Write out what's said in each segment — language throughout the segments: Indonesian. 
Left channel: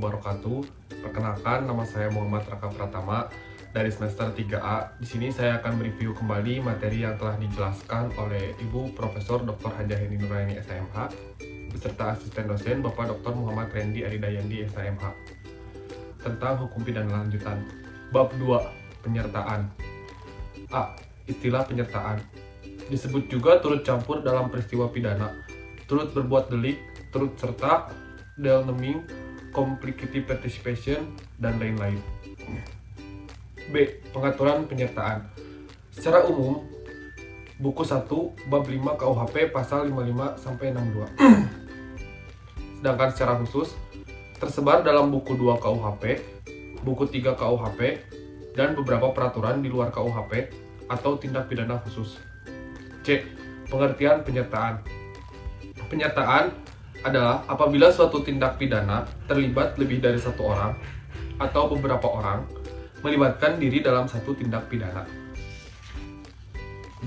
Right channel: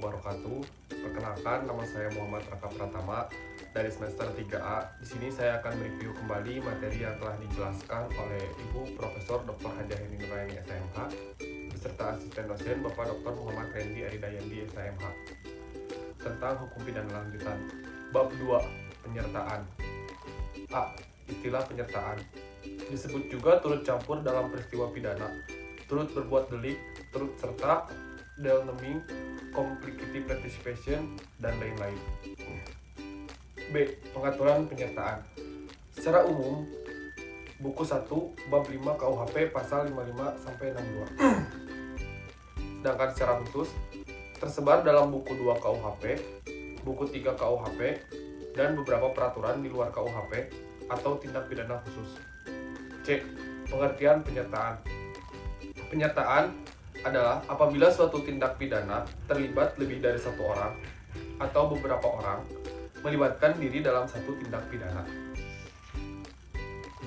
wabarakatuh. Perkenalkan, nama saya Muhammad Raka Pratama dari semester 3A. Di sini saya akan mereview kembali materi yang telah dijelaskan oleh Ibu Profesor Dr. Hajah Heni Nuraini SMH beserta asisten dosen Bapak Dr. Muhammad Rendi Aridayandi SMH tentang hukum pidana lanjutan. Bab 2, penyertaan. A. Istilah penyertaan disebut juga turut campur dalam peristiwa pidana, turut berbuat delik, turut serta, delneming, complicated participation, dan lain-lain. B. Pengaturan penyertaan. Secara umum, buku 1, bab 5 KUHP pasal 55-62. Sedangkan secara khusus, tersebar dalam buku 2 KUHP, buku 3 KUHP, dan beberapa peraturan di luar KUHP atau tindak pidana khusus. C. Pengertian penyertaan. Penyertaan adalah apabila suatu tindak pidana terlibat lebih dari satu orang atau beberapa orang melibatkan diri dalam satu tindak pidana.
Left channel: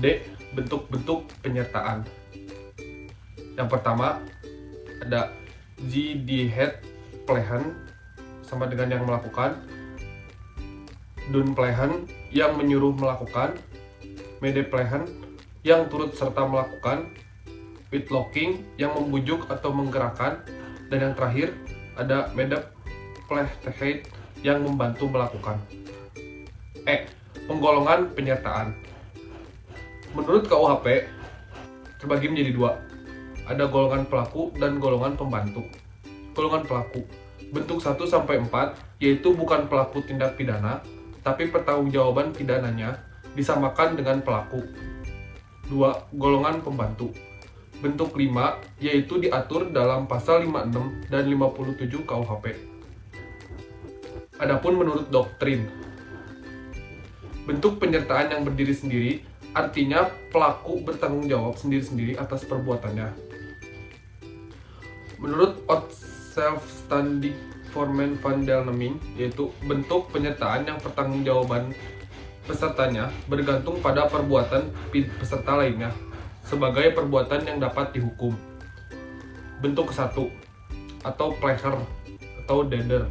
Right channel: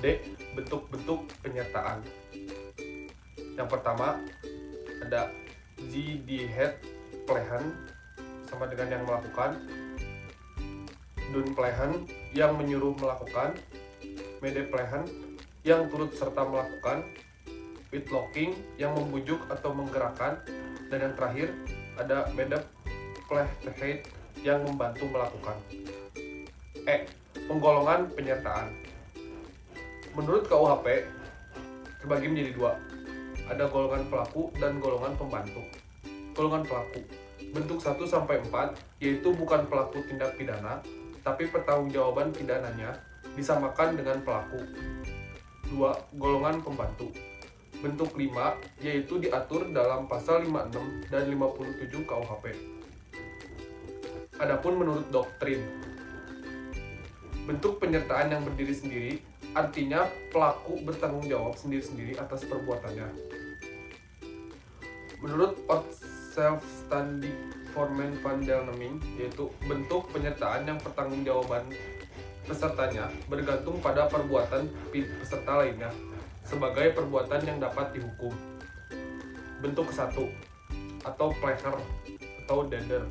D. Bentuk-bentuk penyertaan. Yang pertama ada Zidihet plehen sama dengan yang melakukan, Dun plehen yang menyuruh melakukan, Mede plehen yang turut serta melakukan, Whitlocking yang membujuk atau menggerakkan, dan yang terakhir ada Medeplechtigheid yang membantu melakukan. E. Penggolongan penyertaan. Menurut KUHP terbagi menjadi dua. Ada golongan pelaku dan golongan pembantu. Golongan pelaku bentuk 1-4 yaitu bukan pelaku tindak pidana, tapi pertanggungjawaban pidananya disamakan dengan pelaku. 2. Golongan pembantu bentuk 5 yaitu diatur dalam pasal 56 dan 57 KUHP. Adapun menurut doktrin, bentuk penyertaan yang berdiri sendiri artinya pelaku bertanggung jawab sendiri-sendiri atas perbuatannya. Menurut Selfstandig Vormen van Delneming, yaitu bentuk penyertaan yang pertanggungjawaban pesertanya bergantung pada perbuatan peserta lainnya sebagai perbuatan yang dapat dihukum. Bentuk ke-1 atau pleasure atau dader,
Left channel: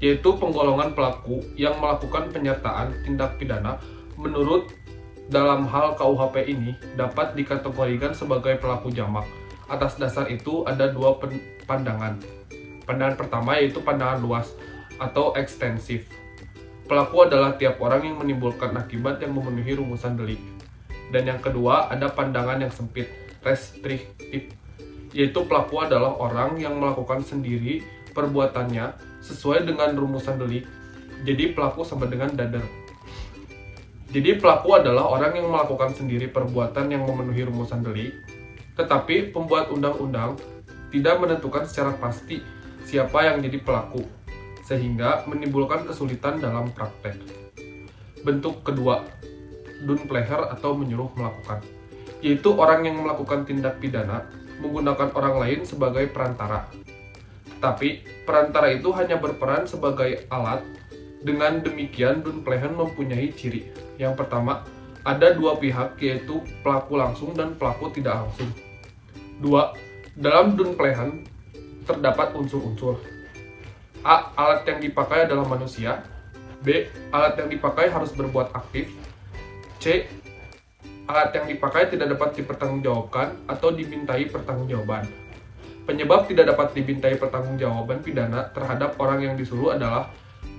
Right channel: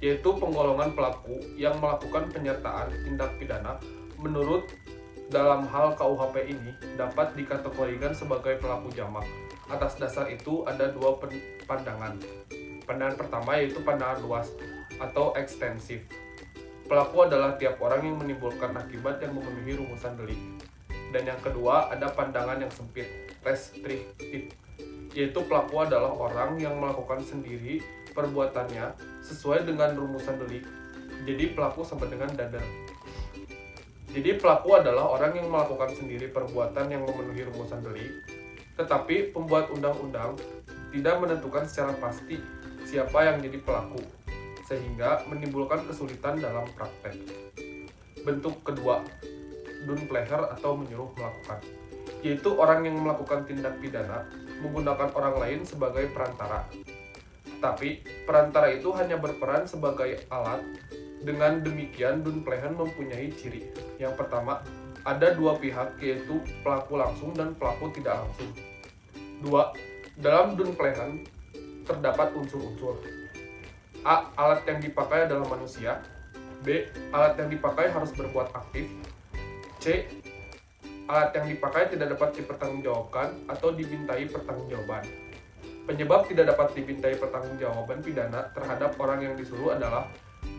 yaitu penggolongan pelaku yang melakukan penyertaan tindak pidana menurut dalam hal KUHP ini dapat dikategorikan sebagai pelaku jamak. Atas dasar itu ada dua pandangan. Pandangan pertama yaitu pandangan luas atau ekstensif. Pelaku adalah tiap orang yang menimbulkan akibat yang memenuhi rumusan delik. Dan yang kedua ada pandangan yang sempit, restriktif, yaitu pelaku adalah orang yang melakukan sendiri perbuatannya sesuai dengan rumusan delik. Jadi pelaku sama dengan dader. Jadi pelaku adalah orang yang melakukan sendiri perbuatan yang memenuhi rumusan delik, tetapi pembuat undang-undang tidak menentukan secara pasti siapa yang jadi pelaku, sehingga menimbulkan kesulitan dalam praktek. Bentuk kedua, Dunpleher atau menyuruh melakukan, yaitu orang yang melakukan tindak pidana menggunakan orang lain sebagai perantara. Tapi perantara itu hanya berperan sebagai alat. Dengan demikian Dunpleher mempunyai ciri. Yang pertama, ada dua pihak yaitu pelaku langsung dan pelaku tidak langsung. 2. Dalam Dunpleher terdapat unsur-unsur. A. Alat yang dipakai adalah manusia. B. Alat yang dipakai harus berbuat aktif. C. Alat yang dipakai tidak dapat dipertanggungjawabkan atau dimintai pertanggungjawaban. Penyebab tidak dapat dimintai pertanggungjawaban pidana terhadap orang yang disuruh adalah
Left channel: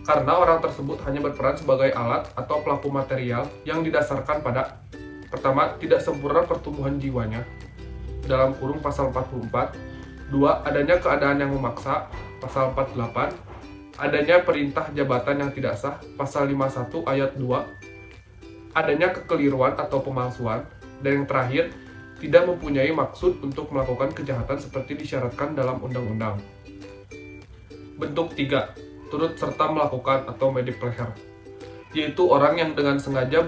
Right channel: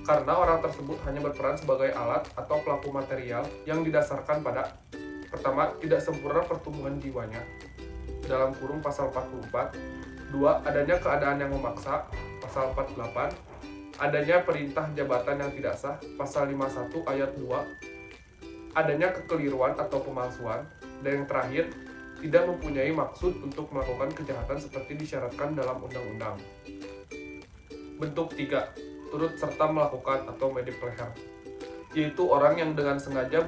karena orang tersebut hanya berperan sebagai alat atau pelaku material yang didasarkan pada pertama, tidak sempurna pertumbuhan jiwanya dalam kurung pasal 44. 2. Adanya keadaan yang memaksa pasal 48. Adanya perintah jabatan yang tidak sah pasal 51 ayat 2. Adanya kekeliruan atau pemalsuan, dan yang terakhir, tidak mempunyai maksud untuk melakukan kejahatan seperti disyaratkan dalam undang-undang. Bentuk 3. Turut serta melakukan atau medipleher, yaitu orang yang dengan sengaja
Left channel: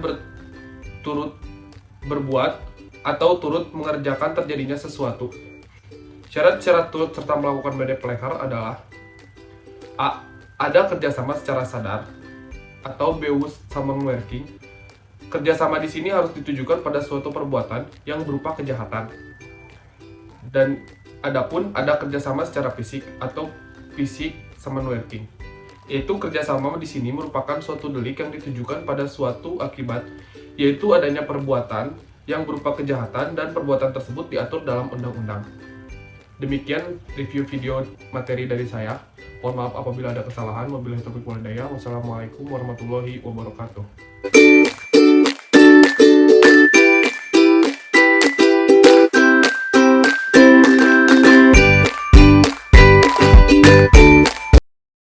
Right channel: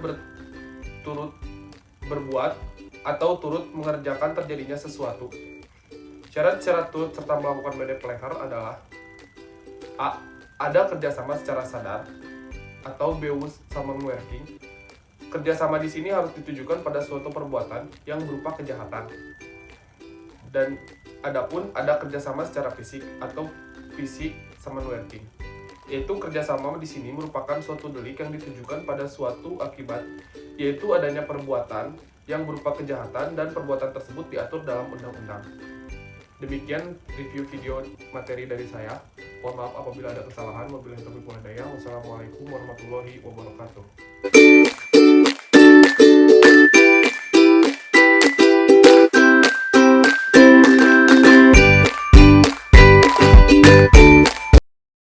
turut berbuat atau turut mengerjakan terjadinya sesuatu. Syarat-syarat turut serta melakukan medipleher adalah A. Ada kerjasama secara sadar atau bewusst samenwerking. Kerjasama di sini harus ditujukan pada suatu perbuatan yang berupa kejahatan. Dan adapun ada kerjasama secara fisik atau fisik summon working. Yaitu kerjasama di sini merupakan suatu delik yang ditujukan pada suatu akibat, yaitu adanya perbuatan yang berupa kejahatan dan perbuatan tersebut diatur dalam undang-undang. Demikian review video materi dari saya. Mohon maaf apabila ada kesalahan. Wabillahi taufiq wal hidayah. Wassalamualaikum warahmatullahi wabarakatuh.